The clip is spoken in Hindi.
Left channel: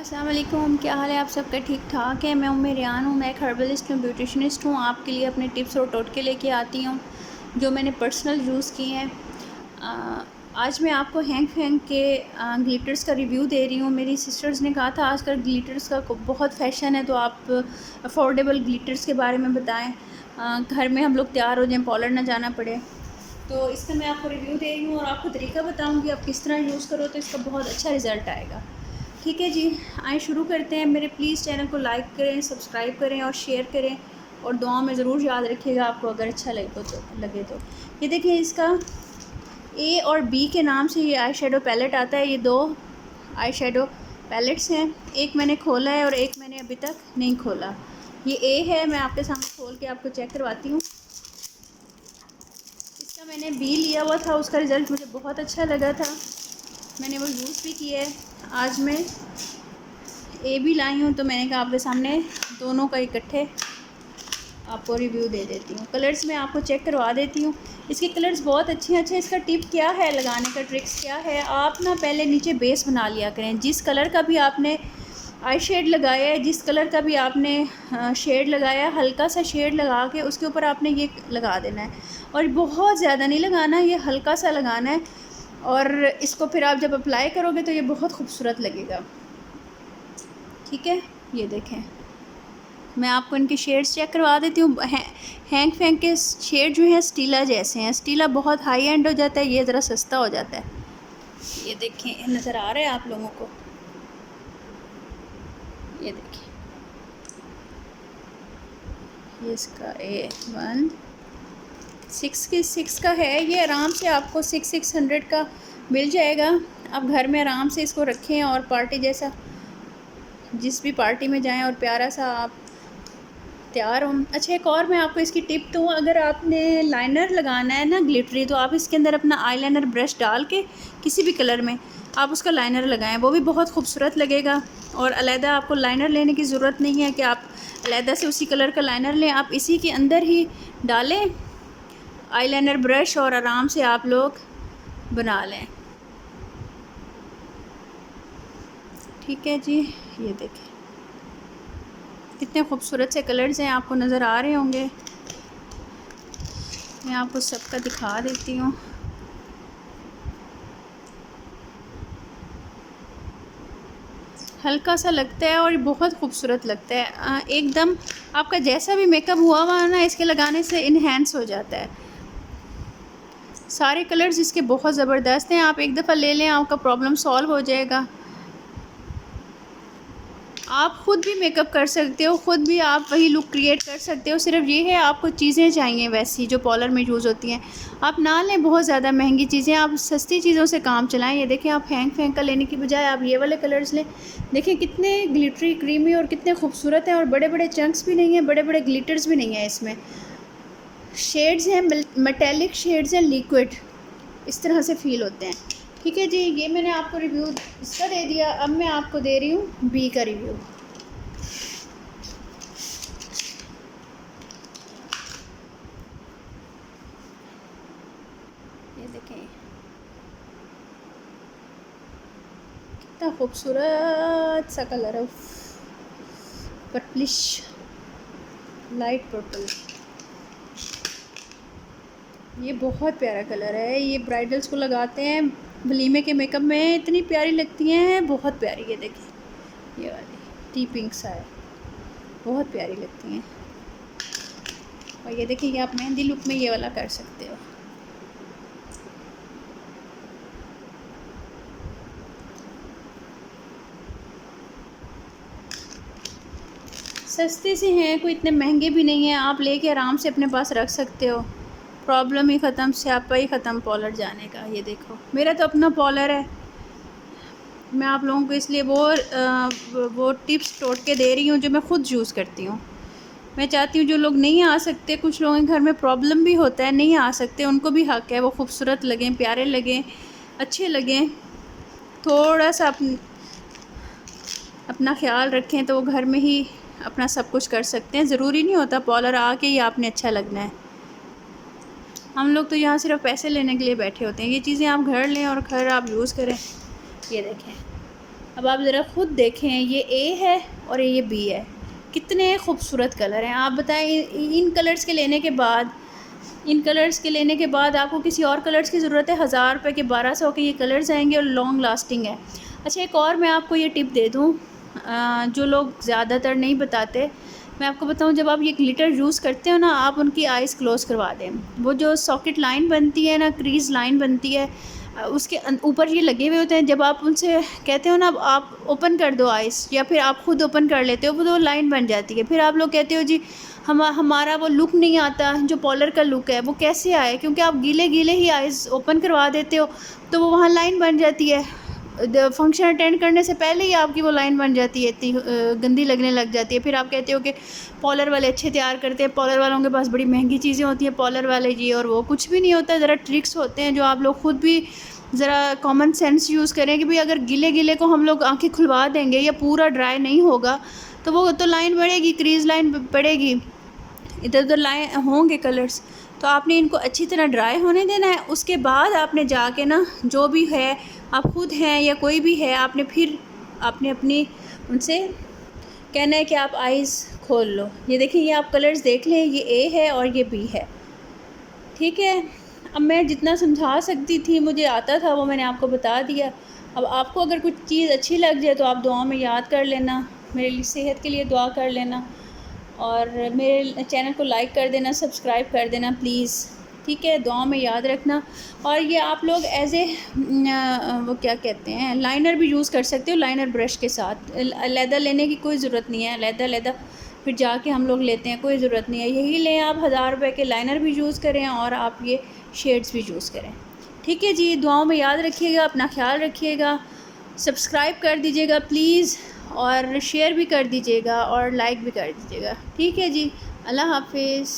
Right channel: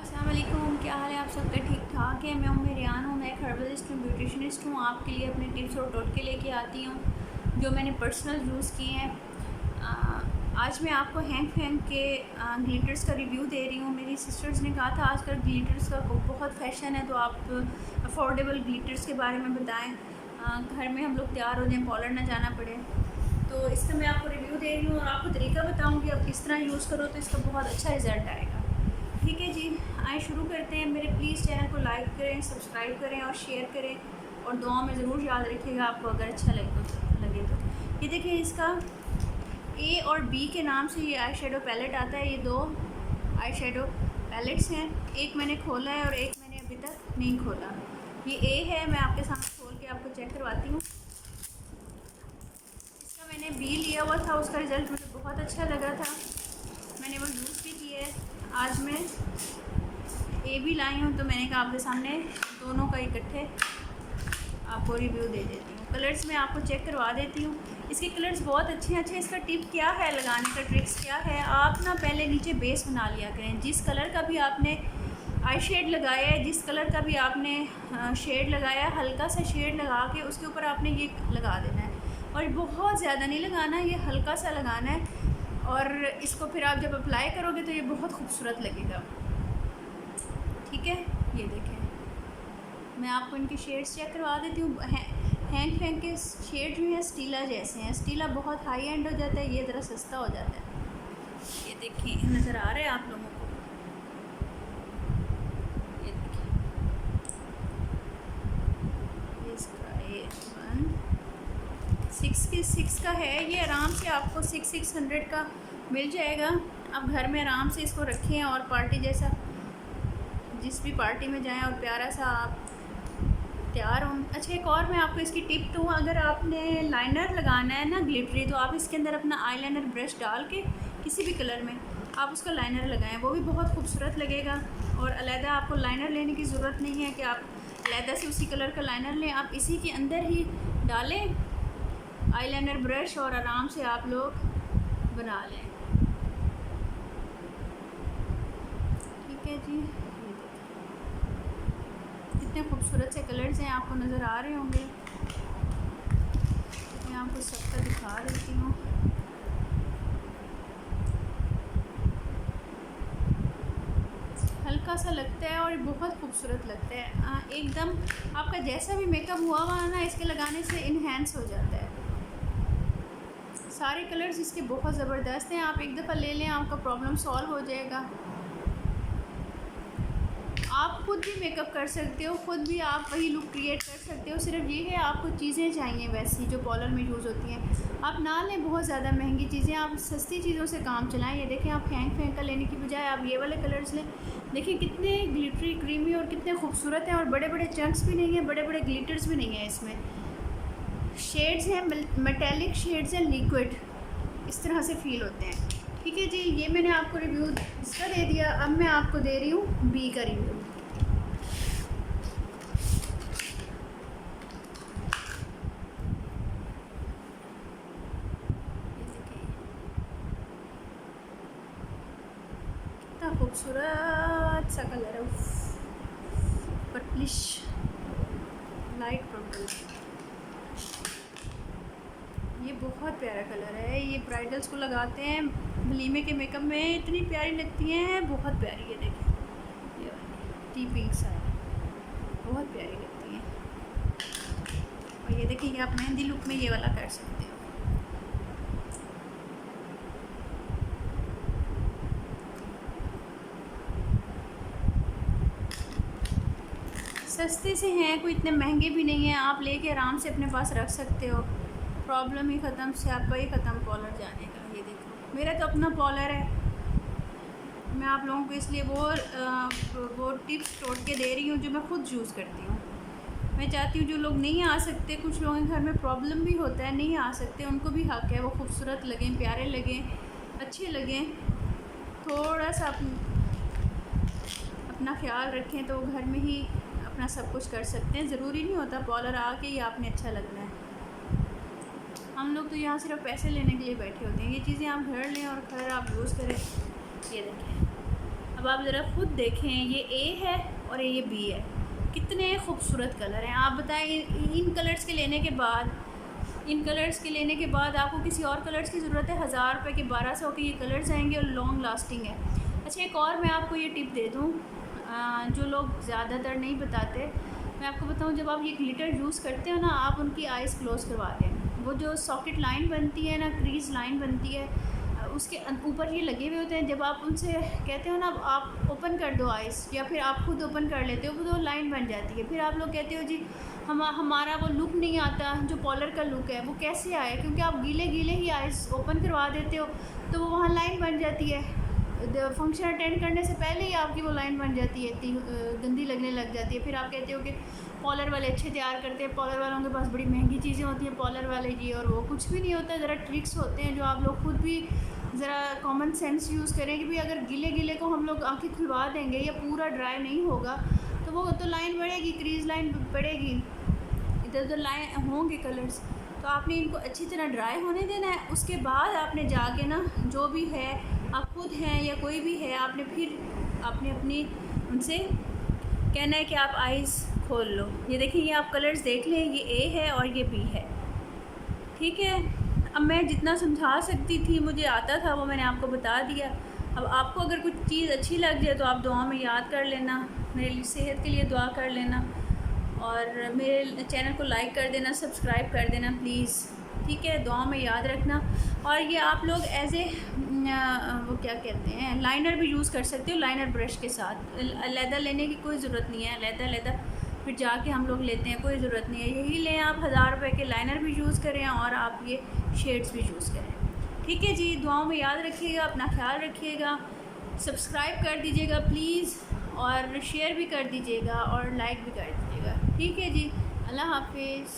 अस्सलाम वालेकुम, क्या हाल है आप सबका? ठीक ठाक है। मैं उम्मे रियान हूँ। मैं एक हर्बलिस्ट हूँ, ब्यूटिशनिस्ट हूँ। आपके लिए अपने टिप्स और टोटके लेके आती हूँ जो मैंने पर्सनल यूज़ किए हैं। आज मैं आपको हैंग फैंग के ग्लिटर्स का रिव्यू दे रही हूँ। मेरी सिस्टर्स ने कहा था आजकल ग्लिटर्स का बहुत फैशन है, तो आप अफोर्डेबल ग्लिटर्स के बारे में बताएँ, घर में हम लोग तैयार हो जाएँ, पार्लर ना जाना पड़े। तो इसका मैं आपको रिव्यू दे रही हूँ और आपको तरीका बताऊँगी आप किस तरह यूज़ करो तो इसका बहुत अच्छा रिज़ल्ट आएगा। ठीक है जी, आइए शुरू करते हैं। मेरे प्लीज़ चैनल को लाइक करें, सब्सक्राइब करें और शेयर करें, और दुआ में ज़रूर याद रखिएगा आपको अगर अच्छा लगे तो। ये देखिए, इसका ए और बी के नाम से ये आई शेडो पैलेट आता है। ये दो आई शेडो पैलेट्स हैं, एक मैंने खोला है और एक मैंने अभी तक नहीं खोला। ये ए है, मैं आपके सामने खोल के आपको चेक करवाती हूँ। इसका मैंने बी लिया हुआ था, उसका रिज़ल्ट मुझे बहुत अच्छा लगा था, मैंने वो यूज़ भी किया है। आज मैं ए भी लाई हूँ, तो मैंने कहा आपके सामने दोनों का इकट्ठे आपको रिव्यू दे देती हूँ। कलर्स मैं आपको चेक करवा देती हूँ। इसके कलर्स बहुत अच्छे हैं। इसका टिप क्या है लगाने का, ट्रिक्स क्या है, आप ना पहले नीचे बेस बना लिया करें। जिस कलर का भी आपने आई शेड लगाया है, जिस कलर का भी आपने शेड लगाया है, हल्का सा शेड लगा के उसके ऊपर आपने ये लगा देना है, और बहुत ज़्यादा नहीं लगाना है, ये हल्का सा लगाना है। और इसको फिर आप जब अप्लाई करोगे तो ये बहुत खूबसूरत लगेगा। ठीक है, ये देखें, मैं आपको इनके शेड्स चेक करवा देती हूँ। हैंग फैंग के शेड जो हैं स्टीला जैसे हैं। स्टीला बहुत हाई एंड हो जाता है, ये ज़रा सस्ता हो जाता है। ये देखें, नज़र आ रहा है आप लोगों को? ये देखिए, ये इसका A16 का है। ये आराम से आपको 600 का मिल जाएगा। आप घर में आराम से इसको रखें और पार्टी जैसा जिस भी पार्टी में जाएं और प्यारा सा आप तैयार हूँ। अच्छा, एक और मैं आपको इसकी टिप दूँ, अगर आपने लाइनर लगाना है ना ग्लिटरी, तो आप इसके अंदर अपना आईलाइनर ब्रश डाल के किसी भी कलर में आप उसका लाइनर लगाएं, वो भी बहुत खूबसूरत लगेगा। और अलहदा आपको लाइनर लेने की ज़रूरत नहीं है कि आप अलहदा से उसी कलर का लाइनर लें, आप इसी के अंदर ही डालें आईलाइनर ब्रश और आराम से आप लोग बना लें। ठीक है जी, ये देखें कितने खूबसूरत से कलर्स हैं, आपको नज़र आ रहे होंगे। मैं आपको सबका दिखा देती हूँ। हल्का सा लगता है और बहुत खूबसूरत लगता है। एकदम आपका जैसा भी मेकअप हुआ हुआ ना, इसके लगाने से इन्हेंस हो जाता है। सारे कलर्स इसके बहुत ज़बरदस्त हैं। आप एक दफ़ा ले लें, आपका प्रॉब्लम सॉल्व हो जाएगा। आप ख़ुद भी मेकअप कर सकते हो, ख़ुद भी आप वही लुक क्रिएट कर सकते हो। सिर्फ ये है आपको चीज़ें चाहिए वैसी जो पार्लर में यूज़ होती हैं। आप ना लें बहुत ज़्यादा महंगी चीज़ें, आप सस्ती चीज़ों से काम चलाएं। ये देखें, आप हैंग फैंग का लेने की बजाय आप ये वाले कलर्स लें। देखिए कितने ग्लिटरी क्रीमी और कितने खूबसूरत हैं, और बड़े बड़े चंक्स भी नहीं हैं, बड़े बड़े ग्लिटर्स भी नहीं हैं। इसमें शेड्स हैं, मेटेलिक शेड्स हैं, लिक्विड इस तरह से फ़ील होते हैं। ठीक है जी, ये मैंने आपको रिव्यू इसका दे दिया। अब मैं आपको दे रही हूँ बी का रिव्यू। ये देखें कितना खूबसूरत सा कलर है, पर्पलिश लाइट पर्पल। ये बहुत प्यारा कलर है। ये ब्राइडल्स को लगाते हैं, वलीमे के मेकअप में इतनी प्यारी लगती हैं, बहुत प्यारी। ये देखिए, ये वाली टी पिंक सा है, बहुत प्यारी लगती हैं। और ये देखिए, आप मेहंदी लुक में ये वाला कर सकते हो। सस्ते से हैं, कोई इतने महंगे भी नहीं हैं। आप लेके आराम से अपने पास रख सकते हो। प्रॉब्लम ही ख़त्म, स्यापा ही ख़त्म पार्लर जाने का। ये देखो, मेरा तो अपना पार्लर है। मैं आप लोगों को इसलिए वो टिप्स टोटके दे रही हूँ जो मैं ख़ुद यूज़ करती हूँ। मैं चाहती हूँ जो लोग नहीं आ सकते, कुछ लोगों के घर में प्रॉब्लम भी होता है, नहीं आ सकते, उनको भी हक़ है वो खूबसूरत लगें, प्यारे लगें, अच्छे लगें। थोड़ा सा अपना ख्याल रखें तो वो घर में ही अपना सब कुछ कर सकते हैं। ज़रूरी नहीं होता पार्लर आके ही आपने अच्छा लगना है। हम लोग तो यहाँ सिर्फ पैसे लेने के लिए बैठे होते हैं। ये चीज़ें आप घर लें और घर आप यूज़ करें। ये देखें, अब आप ज़रा ख़ुद देखें, ये ए है और ये बी है, कितने खूबसूरत कलर हैं। आप बताएं इन कलर्स के लेने के बाद आपको किसी और कलर्स की ज़रूरत है? 1000 रुपये के 1200 के ये कलर्स आएंगे और लॉन्ग लास्टिंग है। अच्छा, एक और मैं आपको ये टिप दे दूँ जो लोग ज़्यादातर नहीं बताते, मैं आपको बताऊं, जब आप ये ग्लिटर यूज़ करते हो ना, आप उनकी आइज़ क्लोज़ करवा दें। वो जो सॉकेट लाइन बनती है ना, क्रीज़ लाइन बनती है, उसके ऊपर ये लगे हुए होते हैं। जब आप उनसे कहते हो ना आप ओपन कर दो आइज़, या फिर आप ख़ुद ओपन कर लेते हो, वो तो लाइन बन जाती है। फिर आप लोग कहते हो जी हमारा वो लुक नहीं आता, जो पॉलर का लुक है वो कैसे आए, क्योंकि आप गीले गीले ही आइज़ ओपन करवा देते हो, तो वो वहाँ लाइन बन जाती है। फंक्शन अटेंड करने से पहले ही आपकी वो लाइन बन जाती है, इतनी गंदी लगने लग जाती है। फिर आप कहते हो कि पॉलर वाले अच्छे तैयार करते हैं, पॉलर वालों के पास बड़ी महंगी चीज़ें होती हैं, पॉलर वाले जी, और वो कुछ भी नहीं होता। ज़रा ट्रिक्स होते हैं जो आप लोग ख़ुद भी ज़रा कॉमन सेंस यूज़ करें कि भाई अगर गीले गीले को हम लोग आंखें खुलवा देंगे या पूरा ड्राई नहीं होगा तो वो तो लाइन बढ़ेगी, क्रीज़ लाइन पड़ेगी, इधर उधर लाइन होंगे कलर्स। तो आपने इनको अच्छी तरह ड्राई होने देना है। उसके बाद आपने जाके ना, जो भी है, आप ख़ुद हैं या कोई भी है, आपने अपनी उनसे कहना है कि आप आइज़ खोल लो। ये देखिए, ये आप कलर्स देख लें, ये ए है और ये बी है, ठीक है। अब मैं जितना समझा सकती थी, मुझे आता था, वो मैंने आपको बता दिया। अब आपको अगर कुछ चीज़ अच्छी लग जाए तो आप दुआ में याद कर लेना, मेरी सेहत के लिए दुआ कर लेना, और मेरे चैनल को लाइक कर देना, सब्सक्राइब कर देना प्लीज़, ठीक है। दुआ में याद रखना। और ये आप लोग एज ए वो क्या कहते हैं, लाइनर भी यूज़ कर सकते हो, लाइनर ब्रश के साथ। लैदर लेने की कोई ज़रूरत नहीं है, लैदर फिर जाके हम लोग लेते हैं, कोई ज़रूरत नहीं है। यही लें आप, 1000 रुपये के लाइनर भी यूज़ करें और आप ये शेड्स भी यूज़ करें, ठीक है जी। दुआओं में याद रखिएगा, अपना ख्याल रखिएगा, सब्सक्राइब कर दीजिएगा प्लीज़, और शेयर भी कर दीजिएगा और लाइक भी कर दीजिएगा, ठीक है जी। अल्लाह हाफिज़।